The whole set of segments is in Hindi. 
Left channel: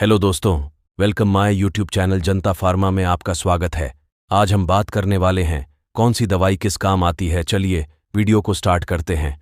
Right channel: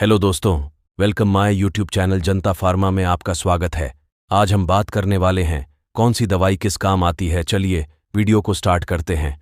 हेलो दोस्तों, welcome my YouTube channel Janata pharma में आपका स्वागत है। आज हम बात करने वाले हैं कौन सी दवाई किस काम आती है। चलिए वीडियो को स्टार्ट करते हैं।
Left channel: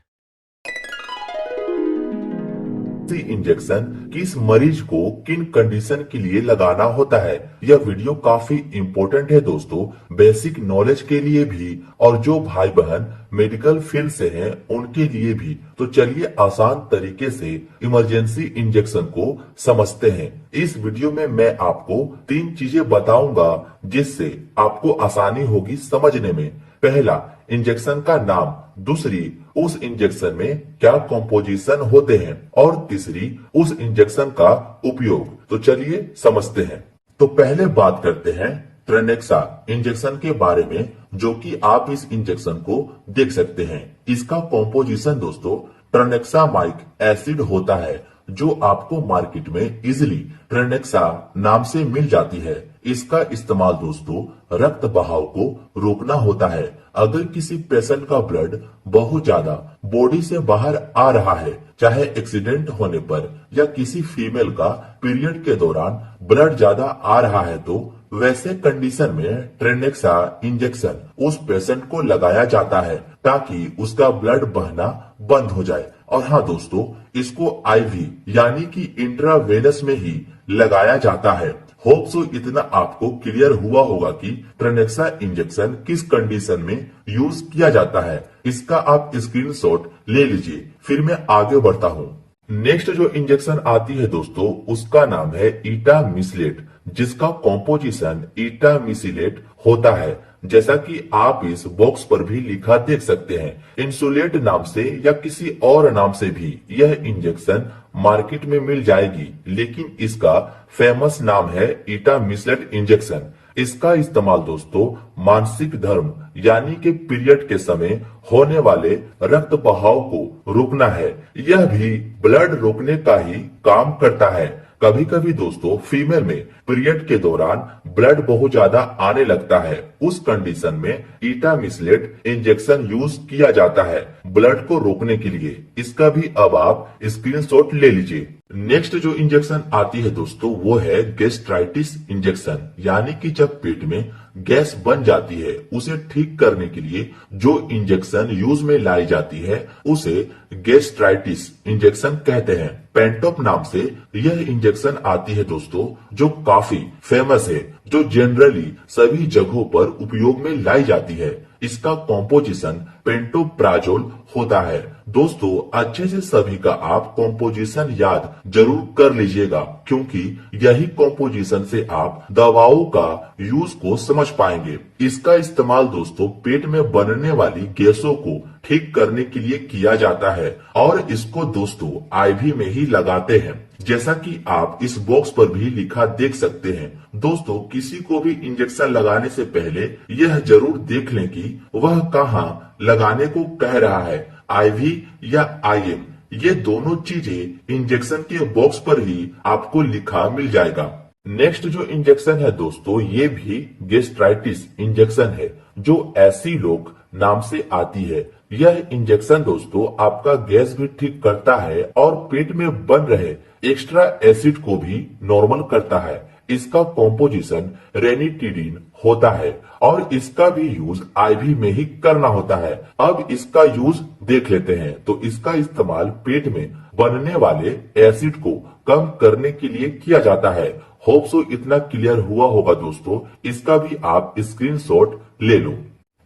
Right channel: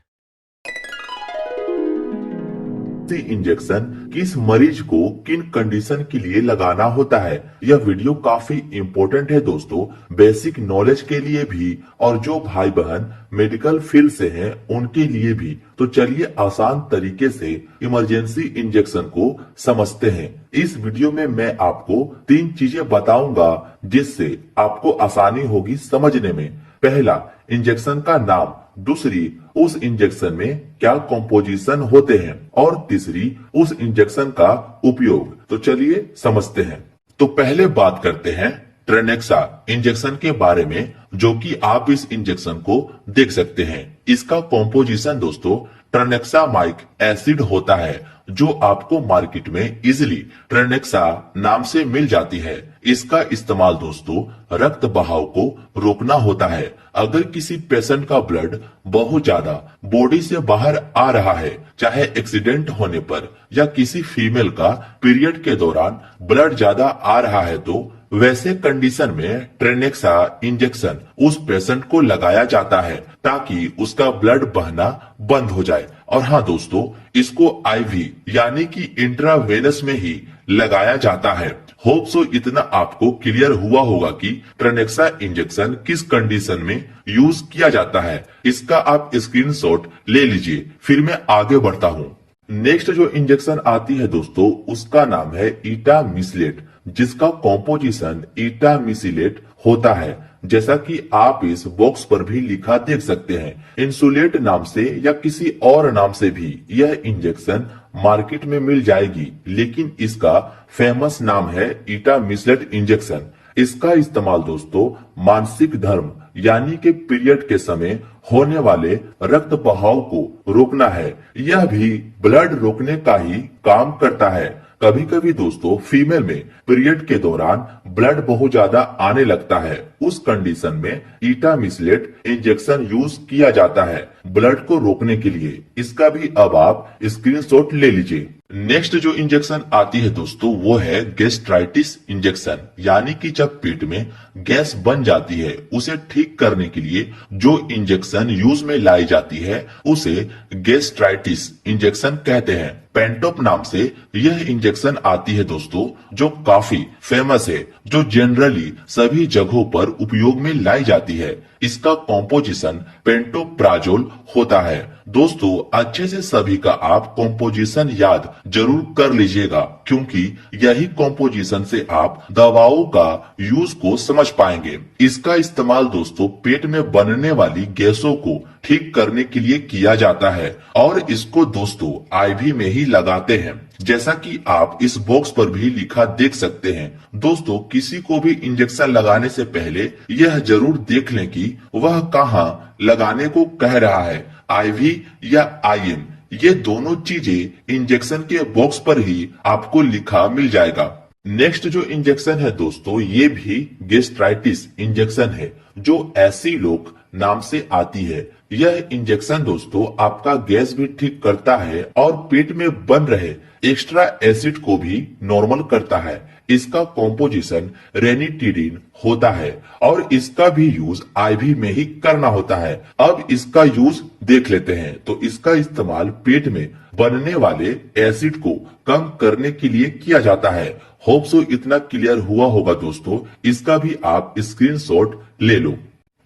इंजेक्शन किस मरीज को किन कंडीशन के लिए लगाना होता है, यह वीडियो काफी इम्पोर्टेंट है दोस्तों, बेसिक नॉलेज के लिए भी और जो भाई बहन मेडिकल फील्ड से हैं उनके लिए भी। तो चलिए आसान तरीके से इमरजेंसी इंजेक्शन को समझते हैं। इस वीडियो में मैं आपको 3 चीजें बताऊंगा जिससे आपको आसानी होगी समझने में। पहला, इंजेक्शन का नाम। दूसरी, उस इंजेक्शन में क्या कॉम्पोजिशन होते हैं। और तीसरी, उस इंजेक्शन का उपयोग। तो चलिए समझते हैं। तो पहले बात करते हैं ट्रेनेक्सा इंजेक्शन के बारे में, जो कि आप इस इंजेक्शन को देख सकते हैं। इसका कॉम्पोजिशन दोस्तों ट्रेनेक्सामाइक एसिड होता है, जो आपको मार्केट में इजिली ट्रेनेक्सा नाम से मिल जाती है। इसका इस्तेमाल दोस्तों रक्त बहाव को रोकना होता है। अगर किसी पेशेंट का ब्लड बहुत ज्यादा बॉडी से बाहर आ रहा है, चाहे एक्सीडेंट होने पर या किसी फीमेल का पीरियड के दौरान ब्लड ज्यादा आ रहा है, तो वैसे कंडीशन में ट्रेनेक्सा इंजेक्शन उस पेशेंट को लगाया जाता है ताकि उसका ब्लड बहना बंद हो जाए। और हाँ दोस्तों, इसको आईवी यानी कि इंट्रावेनस में ही लगाया जाता है। होप सो इतना आपको क्लियर हुआ होगा कि ट्रेनेक्सा इंजेक्शन किस कंडीशन में यूज किया जाता है। इसका आप स्क्रीनशॉट ले लीजिए, फिर मैं आगे बढ़ता हूँ। नेक्स्ट जो इंजेक्शन आती है दोस्तों, उसका नाम है इटामिसिलेट, जिसका कॉम्पोजिशन इटामिसिलेट होता है, जैसा कि आप इस बॉक्स पर भी लिखा देख सकते हैं। इंसुलेट नाम से या किसी और नाम से भी यह इंजेक्शन मार्केट में मिल जाएगी, लेकिन इसका फेमस नाम है इटामिसिलेट इंजेक्शन। इसका इस्तेमाल दोस्तों मानसिक धर्म यानी कि पीरियड के समय होने वाले रक्त बहाव को रोकना है। यह भी ब्लड रोकने का ही काम करता है। कभी कभी दोस्तों फीमेल में पीरियड के दौरान ब्लड बहुत ज्यादा आने लगता है, उस कंडीशन में इटामिसिलेट इंजेक्शन यूज किया जाता है ब्लड को रोकने के लिए। इसका भी अब आप स्क्रीनशॉट ले लीजिए। नेक्स्ट जो इंजेक्शन आती है दोस्तों, वो है गैस्ट्राइटिस इंजेक्शन, यानी कि जब पेट में गैस बन जाती है उसे ठीक करने के लिए जो इंजेक्शन यूज में लाई जाती है उसे गैस्ट्राइटिस इंजेक्शन कहते हैं। पेंटोप नाम से यह इंजेक्शन आती है दोस्तों, जो काफी फेमस है, जो जनरली सभी जगहों पर उपयोग में लाई जाती है। इसका कॉम्पोजिशन पेंटोप्राजोल होता है। दोस्तों अच्छे से सभी का आप कॉम्पोजिशन याद जरूर कर लीजिएगा, क्योंकि यही कॉम्पोजिशन से आप दवाओं का यूज को समझ पाएंगे। इसका इस्तेमाल दोस्तों पेट में बनने वाली गैसों को ठीक करने के लिए किया जाता है, और इसको दोस्तों आईवी में ही लगाते हैं, जैसा कि आप इस बॉक्स पर भी लिखा देख सकते हैं। दोस्तों किसी को भी इंजेक्शन लगाने से पहले यह जरूर देख लें कि वह कहां लगाने को कह रहा है, आईवी या आईएम। ये दोनों चीजें इंजेक्शन के बॉक्स पर ही आपको लिखा मिल जाएगा। नेक्स्ट जो इंजेक्शन है दोस्तों, ये भी गैस्ट्राइटिस इंजेक्शन है, जो एसिलोक नाम से आती है। यह इंजेक्शन दोस्तों आपका गैस भी ठीक करता है और पेट में बन रहे एक्स्ट्रा एसिड को भी नॉर्मल करता है। इसका कॉम्पोजिशन रेनिटिडिन होता है और इसका भी यूज आईवी में ही करना होता है। अब इसका यूज देख लेते हैं। तो इसका इस्तेमाल पेट में बनने वाले एसिड को कम करने के लिए किया जाता है। होप सो इतना क्लियर हुआ होगा दोस्तों, इसका भी आप स्क्रीनशॉट ले लो।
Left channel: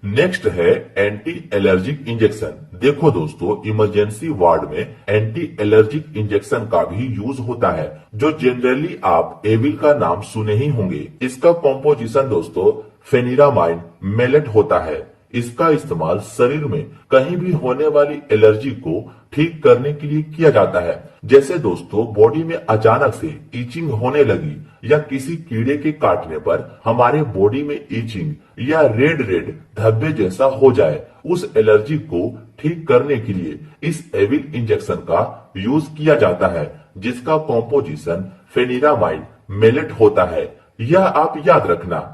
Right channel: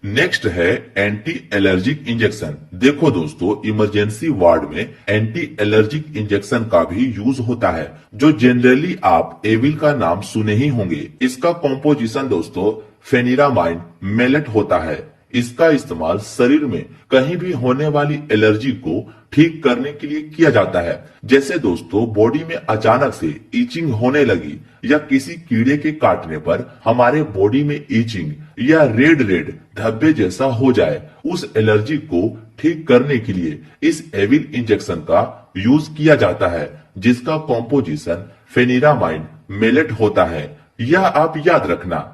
नेक्स्ट है एंटी एलर्जिक इंजेक्शन। देखो दोस्तों इमरजेंसी वार्ड में एंटी एलर्जिक इंजेक्शन का भी यूज होता है, जो जनरली आप एविल का नाम सुने ही होंगे। इसका कॉम्पोजिशन दोस्तों फेनिरामाइन मेलेट होता है। इसका इस्तेमाल शरीर में कहीं भी होने वाली एलर्जी को ठीक करने के लिए किया जाता है। जैसे दोस्तों बॉडी में अचानक से ईचिंग होने लगी या किसी कीड़े के काटने पर हमारे बॉडी में ईचिंग या रेड रेड धब्बे जैसा हो जाए, उस एलर्जी को ठीक करने के लिए इस एविल इंजेक्शन का यूज किया जाता है, जिसका कॉम्पोजिशन फेनिरामाइन मेलेट होता है। यह आप याद रखना।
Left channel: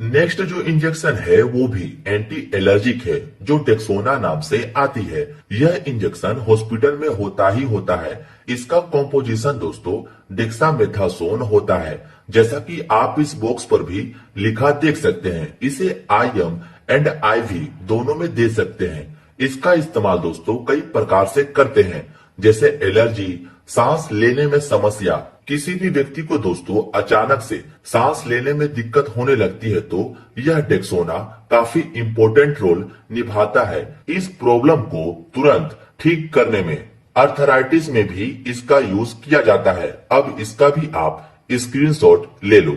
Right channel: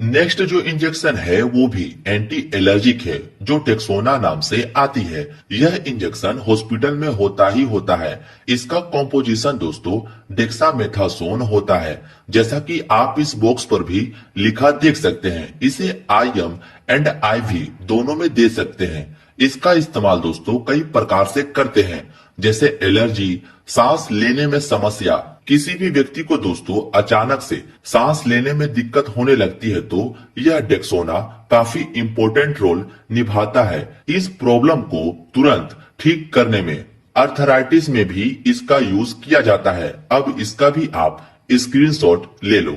नेक्स्ट जो इंजेक्शन है वो भी एंटी एलर्जिक है, जो टेक्सोना नाम से आती है। यह इंजेक्शन हॉस्पिटल में होता ही होता है। इसका कॉम्पोजिशन दोस्तों डेक्सामेथासोन होता है, जैसा कि आप इस बॉक्स पर भी लिखा देख सकते हैं। इसे IM एंड IV दोनों में दे सकते हैं। इसका इस्तेमाल दोस्तों कई प्रकार से करते हैं, जैसे एलर्जी, सांस लेने में समस्या। किसी भी व्यक्ति को दोस्तों अचानक से सांस लेने में दिक्कत होने लगती है तो यह डेक्सोना काफी इंपॉर्टेंट रोल निभाता है इस प्रॉब्लम को तुरंत ठीक करने में। अर्थराइटिस में भी इसका यूज किया जाता है। अब इसका भी आप स्क्रीनशॉट ले लो।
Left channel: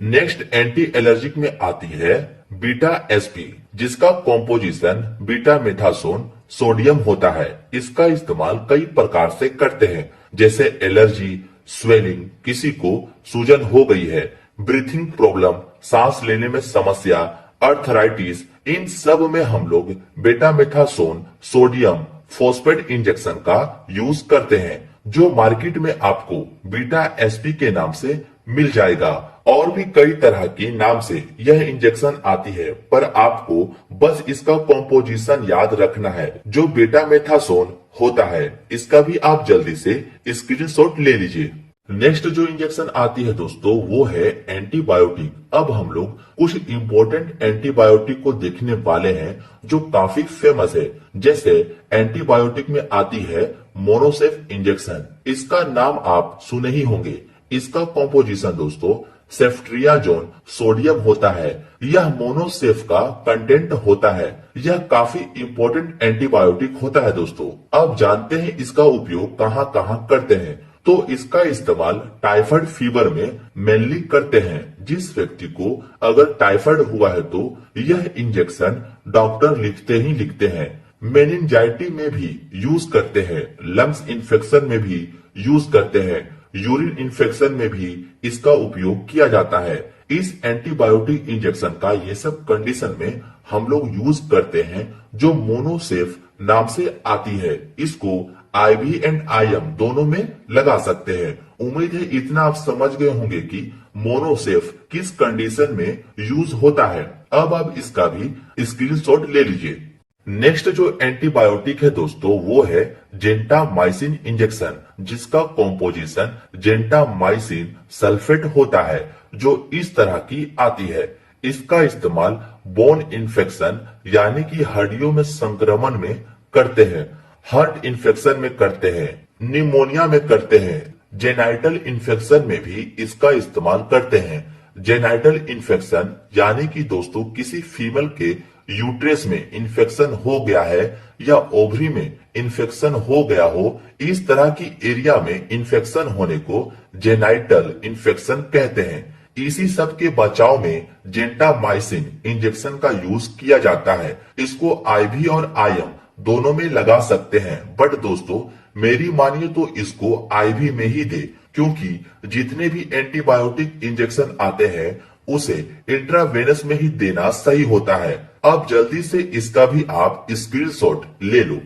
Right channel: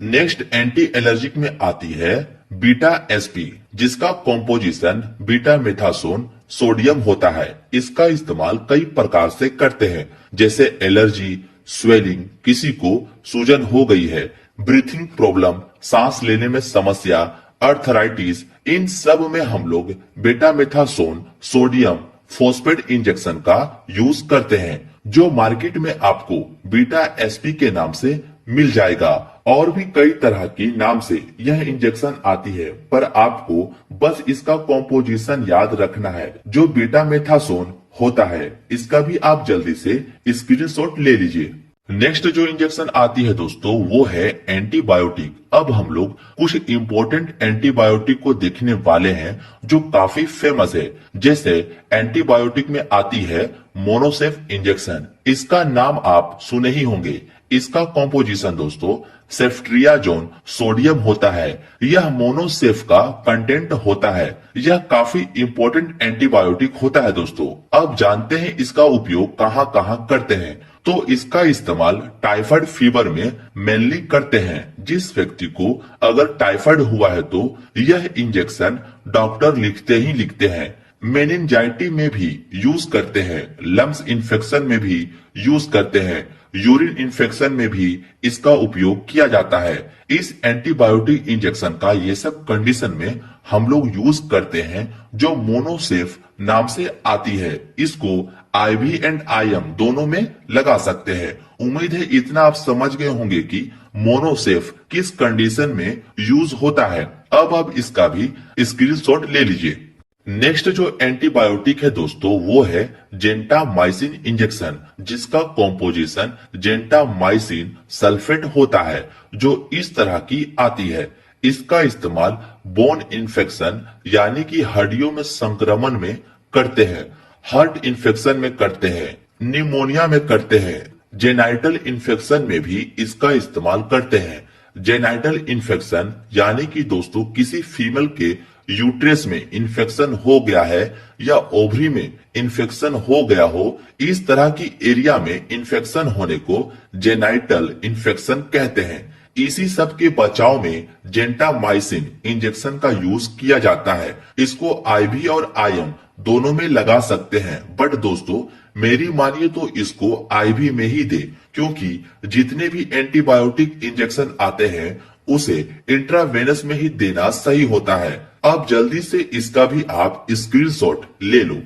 नेक्स्ट एंटी एलर्जिक में आती है बीटा SP, जिसका कॉम्पोजिशन बीटा मेथासोन सोडियम होता है। इसका इस्तेमाल कई प्रकार से करते हैं, जैसे एलर्जी, स्वेलिंग, किसी को सूजन हो गई है, ब्रीथिंग प्रॉब्लम, सांस लेने में समस्या, अर्थराइटिस, इन सब में हम लोग बेटा मेथासोन सोडियम फॉस्फेट इंजेक्शन का यूज करते हैं, जो मार्केट में आपको बीटा SP के नाम से मिल जाएगा। और भी कई तरह की नाम से यह इंजेक्शन आती है, पर आपको बस इसका कॉम्पोजिशन याद रखना है, जो बेटा मेथासोन होता है। इसका भी आप जल्दी से स्क्रीनशॉट ले लीजिए। नेक्स्ट जो इंजेक्शन आती है दोस्तों वो है एंटीबायोटिक। अब हम लोग कुछ इंपॉर्टेंट एंटीबायोटिक को देखने वाले हैं जो काफी फेमस है। जैसे एंटीबायोटिक में आती है मोनोसेफ इंजेक्शन। इसका नाम आप सुने ही होंगे। इसका कॉम्पोजिशन दोस्तों सेफ्ट्रियाजोन सोडियम होता है। यह मोनोसेफ का कंटेंट होता है। यह काफी इंपॉर्टेंट एंटीबायोटिक होता है दोस्तों। आप जानते हैं इसका उपयोग कहां कहां करते हैं। तो इसका इस्तेमाल टाइफाइड फीवर में मेनली करते हैं। जिस व्यक्ति को अगर टाइफाइड हुआ है तो यह इंजेक्शन डॉक्टर लिखते ही लिखते हैं। मेनिंजाइटी में भी यूज करते हैं, लंग्स इन्फेक्शन में भी यूज करते हैं, यूरिन इन्फेक्शन में भी इसका उपयोग किया जाता है। इस एंटीबायोटिक इंजेक्शन का ये सब कंडीशन में हम लोग यूज करते हैं, जो मोनोसेफ नाम से आती है। इसको IV एंड IM दोनों में लगा सकते हैं। उम्मीद है इतना आप समझ गए होंगे कि मोनोसेफ किस कंडीशन में यूज होता है। अब आप इसका भी स्क्रीनशॉट ले लीजिए। नेक्स्ट जो एंटीबायोटिक है दोस्तों वो है जेंटामाइसिन इंजेक्शन, जिसका कॉम्पोजिशन जेंटामाइसिन सल्फेट होता है, जो इस तरह की आती है। इसका इस्तेमाल बोन इन्फेक्शन यानी कि हड्डियों में संक्रमण में करते हैं, हार्ट इन्फेक्शन में करते हैं, निमोनिया में करते हैं, जेनाइटल इन्फेक्शन में भी इसका इस्तेमाल करते हैं। जेनाइटल इन्फेक्शन यानी कि दोस्तों किसी फीमेल के यूट्रस में इन्फेक्शन हो गया है या ओवरी में इन्फेक्शन हो गया हो, इस तरह की एरिया में इन्फेक्शन होने को जेनाइटल इन्फेक्शन कहते हैं। इसी सब के बचाव में जेंटामाइसिन इंजेक्शन का यूज किया जाता है। इसको IV और IM दोनों में लगा सकते हैं, बट दोस्तों मेरी मानिए तो इसको IV में ही दे, क्योंकि जितने भी एंटीबायोटिक इंजेक्शन आते हैं उसे इंट्रावेनस में ही देना सही होता है। अब जल्दी से इसका भी आप स्क्रीनशॉट ले लो।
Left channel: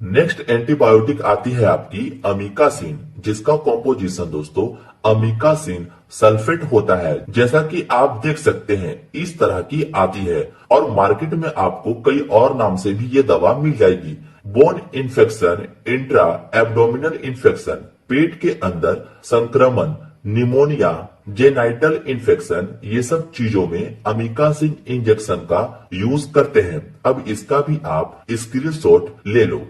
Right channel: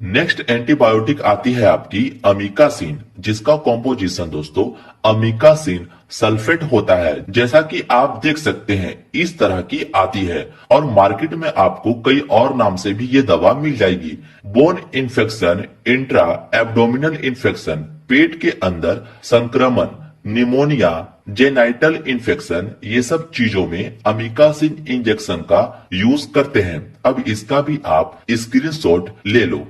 नेक्स्ट एंटीबायोटिक आती है आपकी अमीकासिन, जिसका कॉम्पोजिशन दोस्तों अमीकासिन सल्फेट होता है। जैसा कि आप देख सकते हैं इस तरह की आती है, और मार्केट में आपको कई और नाम से भी ये दवा मिल जाएगी। Bone infection, intra abdominal infection, पेट के अंदर संक्रमण, निमोनिया, जेनाइटल इन्फेक्शन, ये सब चीजों में अमीकासिन इंजेक्शन का यूज करते हैं। अब इसका भी आप स्क्रीनशॉट ले लो।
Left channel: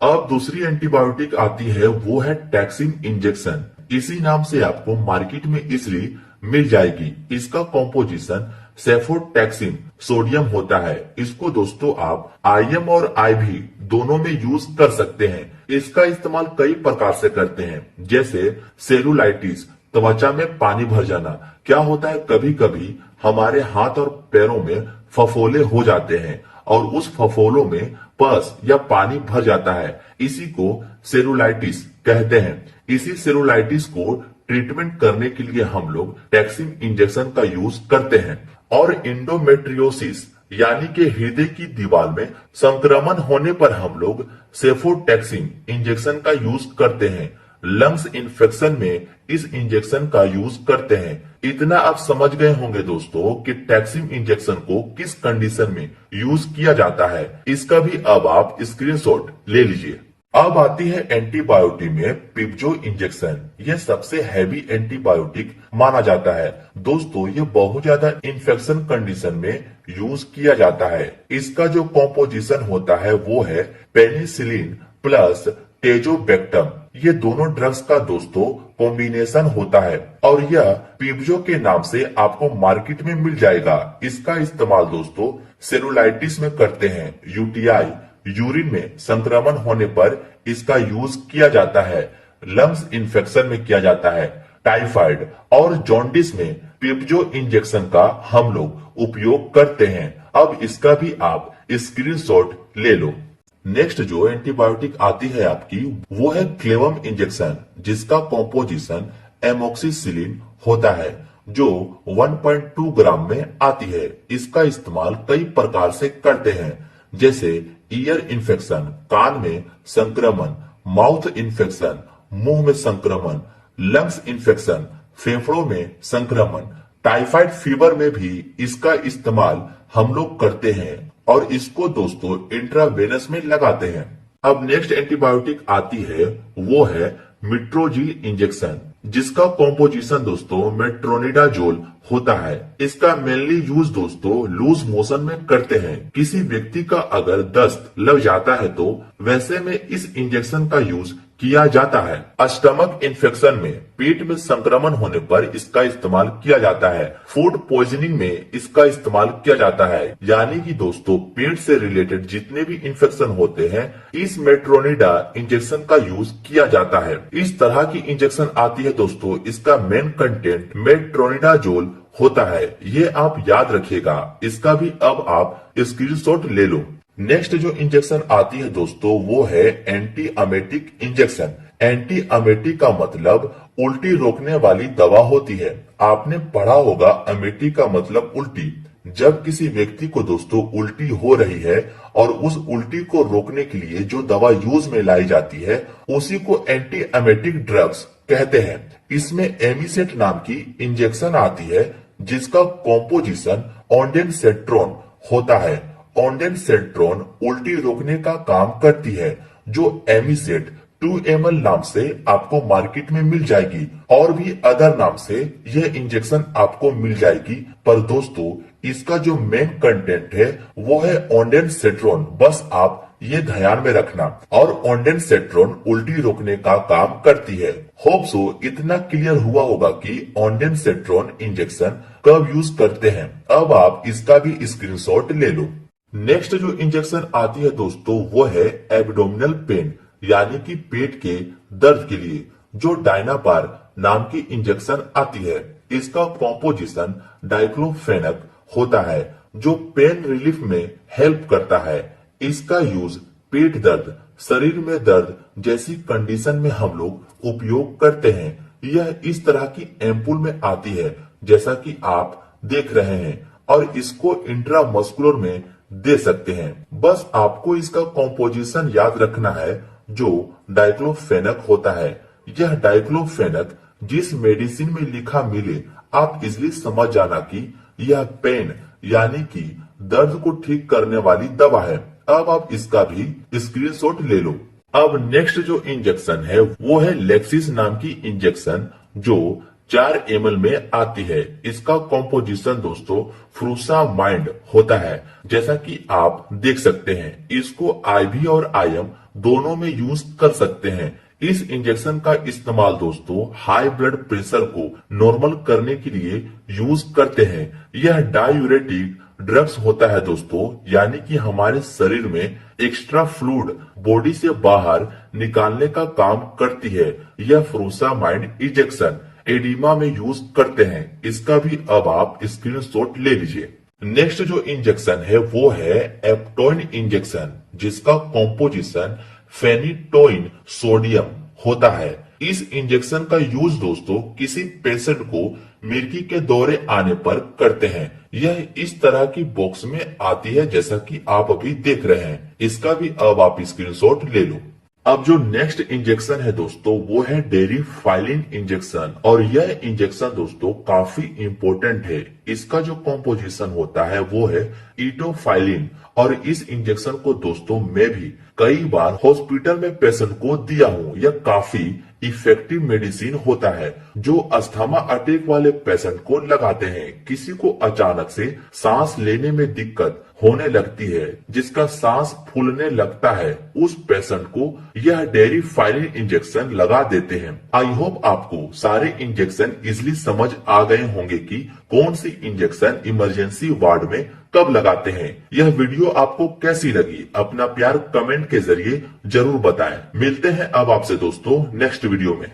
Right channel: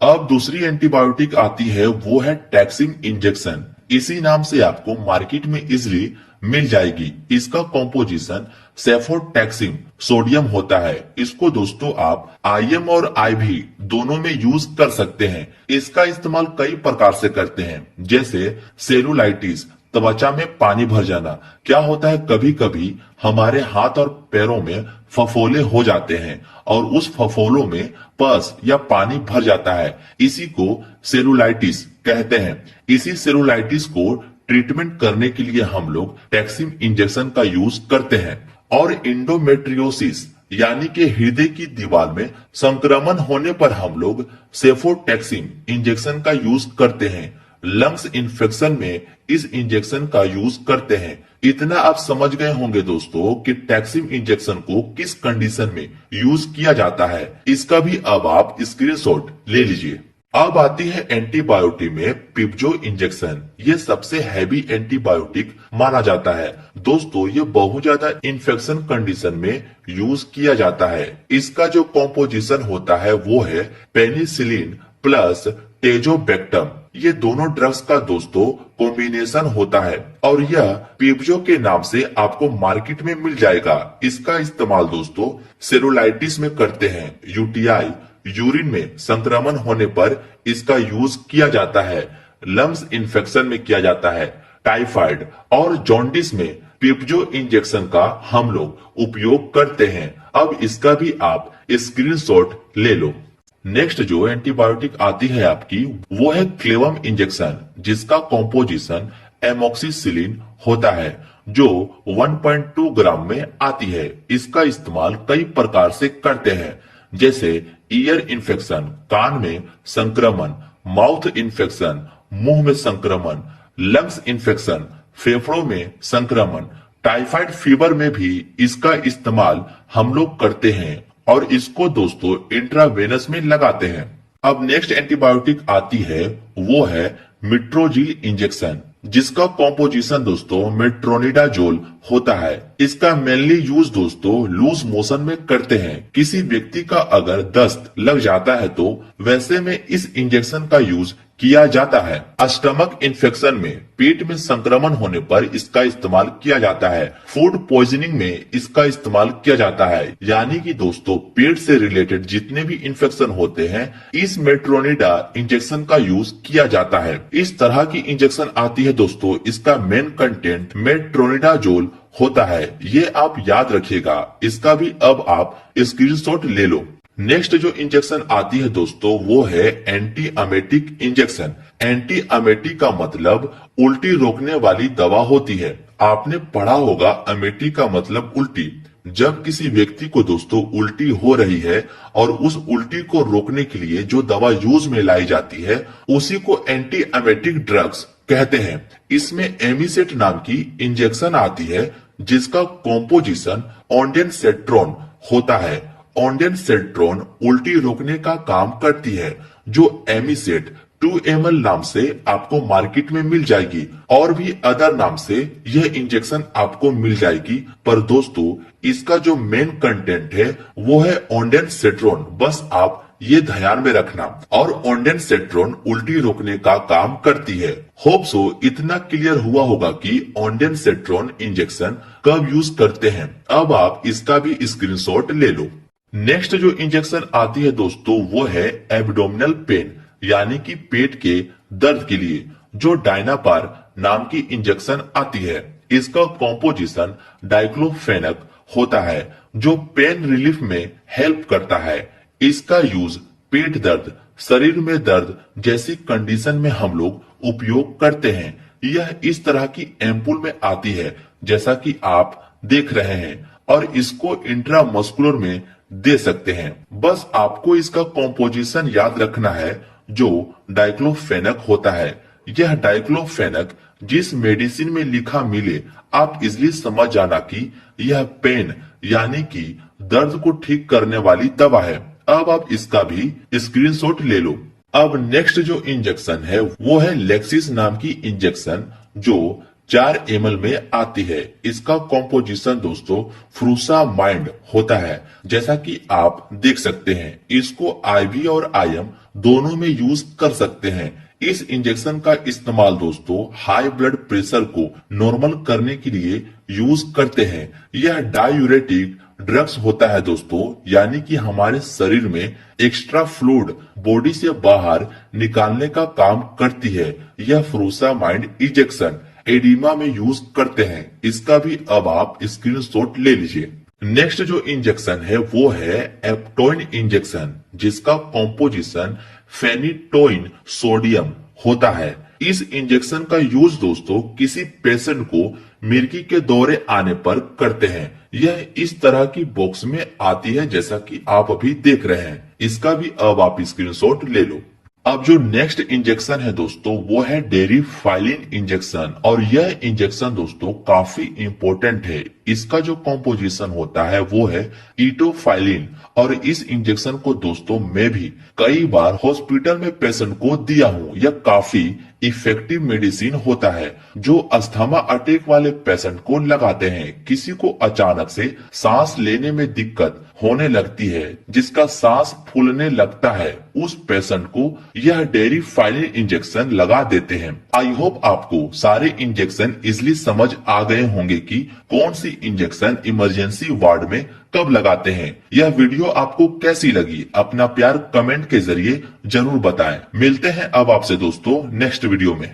अब दूसरी एंटीबायोटिक आती है वो है टैक्सिन इंजेक्शन। इसी नाम से आपको मार्केट में इजिली मिल जाएगी। इसका कॉम्पोजिशन सेफोटैक्सिन सोडियम होता है। इसको दोस्तों आप IM और IV दोनों में यूज कर सकते हैं। इसका इस्तेमाल कई प्रकार से करते हैं, जैसे सेलुलाइटिस, त्वचा में पानी भर जाना। क्या होता है कभी कभी हमारे हाथ और पैरों में फफोले हो जाते हैं और उस फफोलों में पस या पानी भर जाता है। इसी को सेलुलाइटिस कहते हैं। इसी सेलुलाइटिस को ट्रीटमेंट करने के लिए हम लोग टैक्सिन इंजेक्शन का यूज करते हैं। और इंडोमेट्रियोसिस यानी कि हृदय की दीवार में संक्रमण होने पर हम लोग सेफोटैक्सिन इंजेक्शन का यूज करते हैं। लंग्स इन्फेक्शन में इस इंजेक्शन का यूज करते हैं। इतना आप समझ गए होंगे दोस्तों कि टैक्सिम इंजेक्शन को किस कंडीशन में यूज किया जाता है। इसका भी अब आप स्क्रीनशॉट ले लीजिए। अब आती है एंटीबायोटिक में पिप्जो इंजेक्शन। ये सबसे हैवी एंटीबायोटिक माना जाता है दोस्तों। ये बहुत ज्यादा इन्फेक्शन कंडीशन में यूज किया जाता है। इसका जो कॉम्पोजिशन होता है वो है पेनिसिलिन प्लस टेजोबैक्टम। ये दोनों ड्रग्स का दोस्तों कॉम्बिनेशन होता है और यह पिप्जो के नाम से आपको मार्केट में मिल जाएगा। इसका इस्तेमाल दोस्तों सेलुलाइटिस में करते हैं। यूटीआई यूरिन में संक्रमण होने पर इसका यूज किया जाता है। लंग्स इन्फेक्शन में किया जाता है। टाइफाइड और जॉन्डिस में पिप्जो इंजेक्शन का हम लोग उपयोग करते हैं। अब इसका भी आप स्क्रीनशॉट ले लो। नेक्स्ट जो एंटीबायोटिक आती है आपकी वो है क्लेवम इंजेक्शन, जिसका कॉम्पोजिशन एमोक्सिसिलिन होता है जो 1.2 ग्राम में आती है। इसका इस्तेमाल कई प्रकार से करते हैं, जैसे ईयर इन्फेक्शन, कान में संक्रमण, माउथ इन्फेक्शन, मुंह में संक्रमण, लंग्स इन्फेक्शन, फेफड़ों में संक्रमण, टाइफाइड फीवर में भी इसका इस्तेमाल हम लोग करते हैं और इसको दोस्तों इंट्रावेनस में लगाते हैं। अब नेक्स्ट एंटीबायोटिक आती है वो है मिट्रोजिल इंजेक्शन, जिसका कॉम्पोजिशन दोस्तों मेट्रोनिडाजोल होता है। इसका मेनली यूज दोस्तों लूज मोशन में करते हैं। किसी व्यक्ति का अगर दस्त लग जाता है तो वैसे में इस इंजेक्शन का यूज किया जाता है। स्टमक इन्फेक्शन में, पेट में संक्रमण होने पर इसका इस्तेमाल किया जाता है। फूड पॉइजनिंग में इसका इस्तेमाल किया जाता है। यानी कि दोस्तों पेट से रिलेटेड जितने भी इन्फेक्शन होते हैं इस मेट्रोनिडा इंजेक्शन का यूज किया जाता है। इस तरह की इंजेक्शन आती है दोस्तों। इसका मेन कंटेंट मेट्रोनिडाजोल होता है। ये आप याद रखिएगा। इसका भी अब आप स्क्रीनशॉट ले लो। नेक्स्ट जो इंजेक्शन आती है दोस्तों वो है एंटी अमेटिक इंजेक्शन। एंटी अमेटिक का मतलब उल्टी रोकने वाली दवा होती है। आपने पढ़ा होगा अमेटिक का मतलब उल्टी। जब किसी व्यक्ति को दोस्तों उल्टी हो रही है और उस उल्टी को रोकने के लिए जो दवा यूज में लाई जाती है उसी को एंटी अमेटिक ड्रग्स कहते हैं। इसमें एमिसेट नाम की इंजेक्शन आती है जिसका कॉम्पोजिशन ऑन्डेनसेट्रोन होता है। ऑन्डेनसेट्रोन उल्टी रोकने का काम करती है, जो एमिसेट 2 ml नाम से आपको मार्केट में मिल जाएगी और भी अदर नाम से यह इंजेक्शन आपको मिल जाएगी। पर दोस्तों इसका जो मेन कंटेंट है वो है ऑन्डेनसेट्रोन। बस आप ये ध्यान में रखना। और ऑन्डेनसेट्रोन उल्टी रोकने का काम करती है। होप सो इतना क्लियर हुआ होगा कि ऑन्डेनसेट्रोन इंजेक्शन कब यूज करते हैं। अब आप इसका भी स्क्रीनशॉट ले लो। नेक्स्ट जो इंजेक्शन आती है दोस्तों वो है एब्डोमिनल पेन, यानी कि पेट के दर्द के लिए जो डायनापार नाम की इंजेक्शन आती है। इसका कॉम्पोजिशन डाइक्लोफेनक होता है जो पेन रिलीफ में हेल्प करता है। इसका यूज पेट दर्द, शरीर में दर्द जैसी कंडीशन में हम लोग उपयोग करते हैं। यह इस तरह की एम्पुल में आती है जैसा कि आप देख रहे हैं और इसको इंट्रामस्कुलर में दे सकते हैं। बस आपको इसका कॉम्पोजिशन याद रखना है जो डाइक्लोफेनक होता है। यह डाइक्लोफेनक जिस मेडिसिन में लिखा मिले आप इजिली समझ जाना कि यह पेन यानी कि दर्द को ठीक करने वाली दवा है। अब आप इसका भी स्क्रीनशॉट ले लो। अब नेक्स्ट जो इंजेक्शन है वो है लेक्सिस नाम की इंजेक्शन जो 4 ml में आती है। इसका कॉम्पोजिशन दोस्तों फ्रूसामाइड होता है जैसा कि आप देख सकते हैं। इसको आईवी और आईएम दोनों में यूज कर सकते हैं। इस इंजेक्शन का इस्तेमाल दोस्तों हाई ब्लड प्रेशर को नॉर्मल करने के लिए यूज करते हैं। यह डायूरेटिक ड्रग्स होता है दोस्तों, यानी कि हमारे शरीर में एक्स्ट्रा फ्लूइड बॉडी से बाहर निकालने का काम करती है। यह फ्रूसामाइड इंजेक्शन एडिमा में यूज करते हैं। इसका भी अब आप स्क्रीनशॉट ले लीजिए। नेक्स्ट जो इंजेक्शन है वो है एप्टोइन इंजेक्शन, जिसका कॉम्पोजिशन फेनिटोइन सोडियम होता है। इस इंजेक्शन का यूज दोस्तों किसी पेशेंट को मिर्गी के दौरे आने पर करते हैं। यह इस तरह की बॉक्स में आती है जैसा कि आप अभी देख रहे हैं। इसका भी अब आप स्क्रीनशॉट ले लो। अब जो नेक्स्ट इंजेक्शन है दोस्तों वो है डेरिफाइलिन इंजेक्शन, और यह इंजेक्शन दोस्तों काफी इंपॉर्टेंट है। इसका जो कॉम्पोजिशन होता है वो है इटोफाइलिन, और इस इंजेक्शन को दोस्तों मैं भी कई बार हॉस्पिटल में पेशेंट को दिया हूँ। यह काफी इफेक्टिव मेडिसिन होता है जो अस्थमा अटैक वाले पेशेंट को लगाते हैं। किसी को अचानक से सांस लेने में दिक्कत होने लगती है, जिसका सांस फूलने लगता है, उस पेशेंट को यह डेरिफाइलिन इंजेक्शन लगा देते हैं। आई होप आपको सारे इंजेक्शन इजिली समझ आ गए होंगे कि कौन सी इंजेक्शन इमरजेंसी वार्ड में कब लगाते हैं। यह वीडियो आपको कैसी लगी अपना प्यार कमेंट के जरिए जरूर बताएं। मिलते हैं अब आपसे दोस्तों नेक्स्ट वीडियो में।